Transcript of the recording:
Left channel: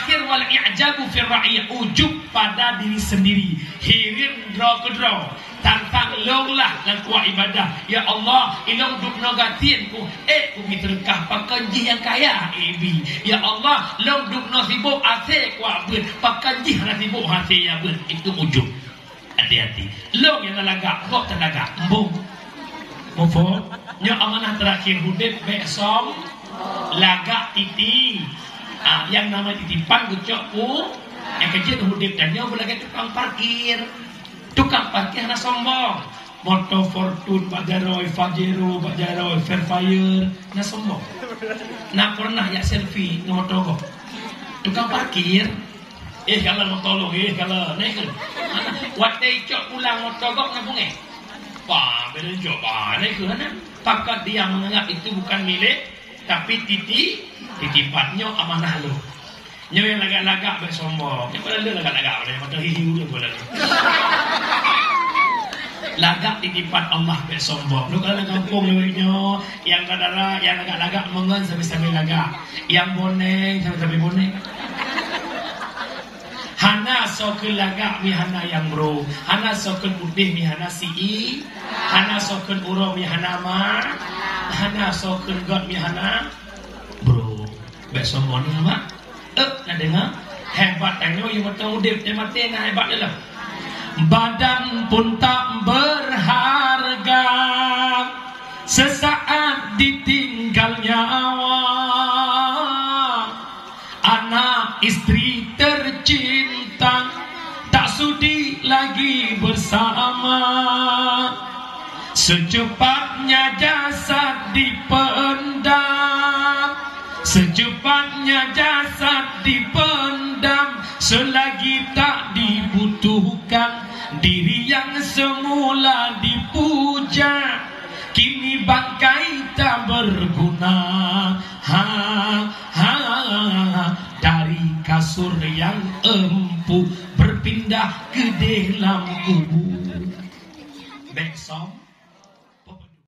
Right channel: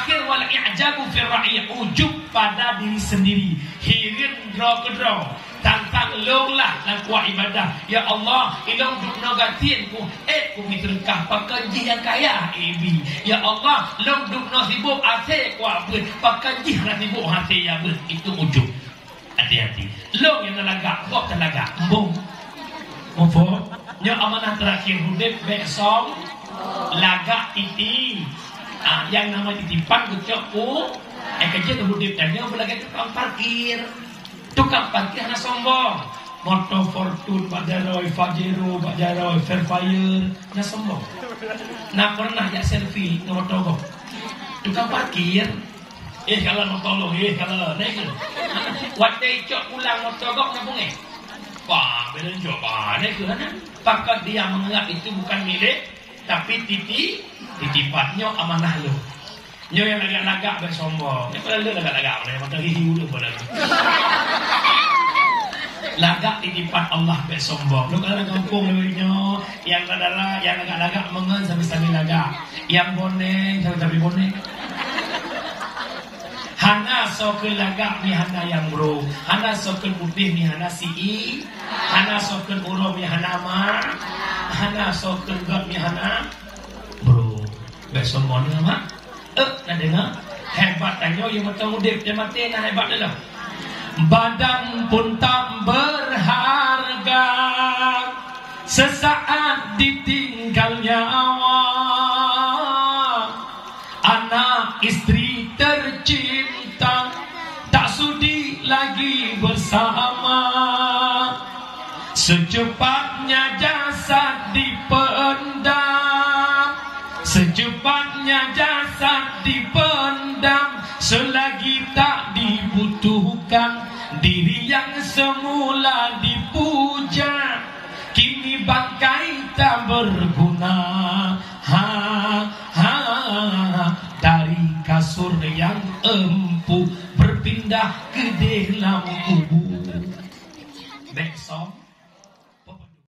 terakhir wal i'jabu fi ra'i, ujub pada diri sendiri. Hirin draw ke draw. Tantang longlah nak kuat ibadah. Ya Allah, ilong duk nogatin ku, ku mitrkah pakanji yang kaya ebi. Ya Allah, long duk no sibuk ate ku abut, pakanji hana sibuk hati ya abut. Itu ujub. Hati-hati. Long yang nalagak, kok talaga. Mbung. Mufot. Nya amanah terakhir hudib besong lagak titi. Yang nama titipan gucok ku kerja hudib dan nyo belakang tukang parkir. Tukang parkir hana sombong. Moto Fortune, Bajaroy, Fajero, Bajaroy, Fairfire, na sombong. Na pernah ya selfie moto kok. Tukang parkir. Kalau mau tolong, kalau naik. Waktu cok pulang moto kok nabung Pak, beda coba naik ke mana? Pakat dia menganggap itu bukan milik, tapi titipannya amanah lo. Nyo yang lagak-lagak bersombong. Yang padahal dia lagak-lagak, dia mata hiu dia padahal. Lagak titipan Allah bersombong. Lo kalau kampung lo yang kadara, yang lagak-lagak mengen sampai lagak, yang boneng sampai boneng. Hana sokel lagak mi hana yang bro, hana sokel putih mi hana si, hana sokel urang mi hana ma, hana sokel god mi hana bro. Besok mau nama, nak dengar hebat tanyo yang betul udip dia mati nak hebat dalam. Badan pun tak berharga, sesaat ditinggalnya awak, anak istri tercinta tak sudi lagi bersama. Secepatnya jasad dipendam, secepatnya jasad dipendam, selagi tak dibutuhkan. Diri yang semula dipuja kini bangkai tak berguna. Dari kasur yang empuk berpindah ke dalam kubur.